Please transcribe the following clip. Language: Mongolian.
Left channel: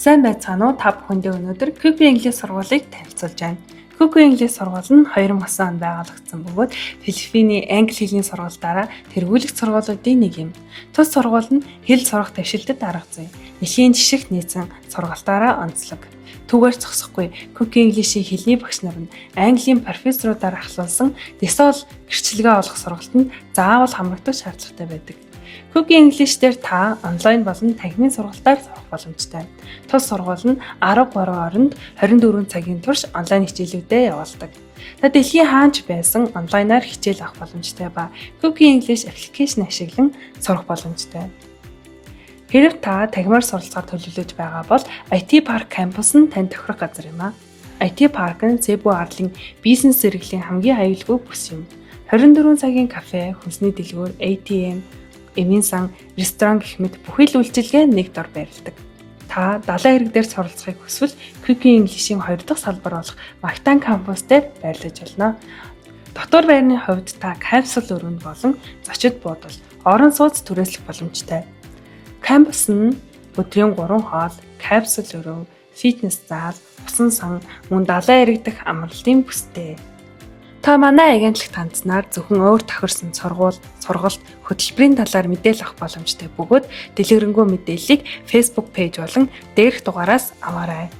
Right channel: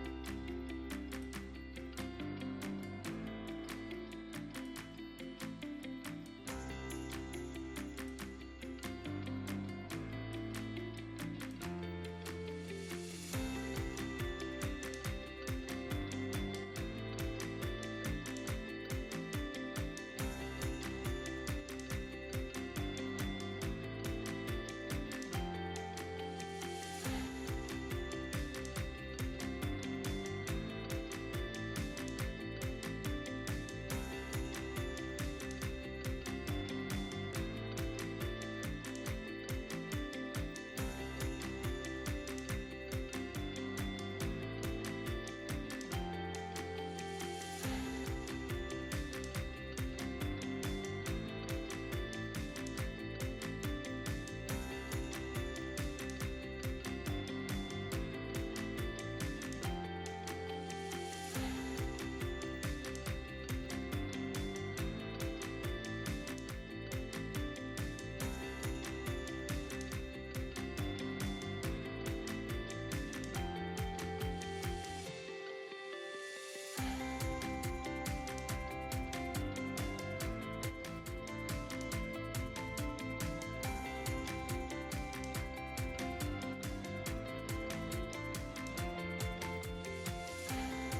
Сайн байцгаана уу? Та бүхэндээ өнөөдөр Quick English сургуулийг танилцуулж байна. Quick English сургууль нь 2009 онд байгуулагдсан бөгөөд Филиппиний англи хэлний сургуультаараа тэргүүлэх сургуулиудын нэг юм. Тус сургууль нь хэл сурах твшилтэд арга зүй, нэхийн жишгт нийцэн сургалтаараа онцлог. Түүгээр зогсохгүй Quick English-ийн хэлний багш нар нь Английн профессорудаар ахлуулсан ДЭСОЛ гэрчлэгээ олох сургалтанд заавал хамрагдах шаардлагатай байдаг. Quick English дээр та онлайн болон танхимын сургалтаар сурах боломжтой. Тус сургууль нь 13 оронд 24 цагийн турш онлайн хичээлүүдэд явуулдаг. Та дэлхийн хаанч байсан онлайнаар хичээл авах боломжтой ба Quick English аппликейшн ашиглан сурах боломжтой. Хэрв та тагмаар суралцахаар төлөвлөж байгаа бол IT Park кампус нь танд тохирох газар юм а. IT Park нь Cebu арлын бизнес зэрэглэлийн хамгийн аюулгүй бүс юм. 24 цагийн кафе, хүнсний дэлгүүр, ATM, эмийн сан, ресторан гэх мэт бүхэл үйлчилгээ нэг дор байрладаг. Та далайн хэрэг дээр суралцахыг хүсвэл Quick English-ийн 2 дахь салбар болох Mactan кампус дээр байрлаж болно. Дотор байрны хувьд та капсул өрөөнд болон зочид буудал, орон сууц түрээслэх боломжтой. Кампус нь өдрийн 3 хоол, капсул өрөө, фитнес зал, усан сан, мөн далайн хэрэг дэх амралтын бүстэй. Та манай агентлагт хандсанаар зөвхөн өөр тохирсон сургалт, хөтөлбөрийн талаар мэдээлэл авах боломжтой бөгөөд дэлгэрэнгүй мэдээллийг Facebook пэйж болон дээрх дугаараас аваарай.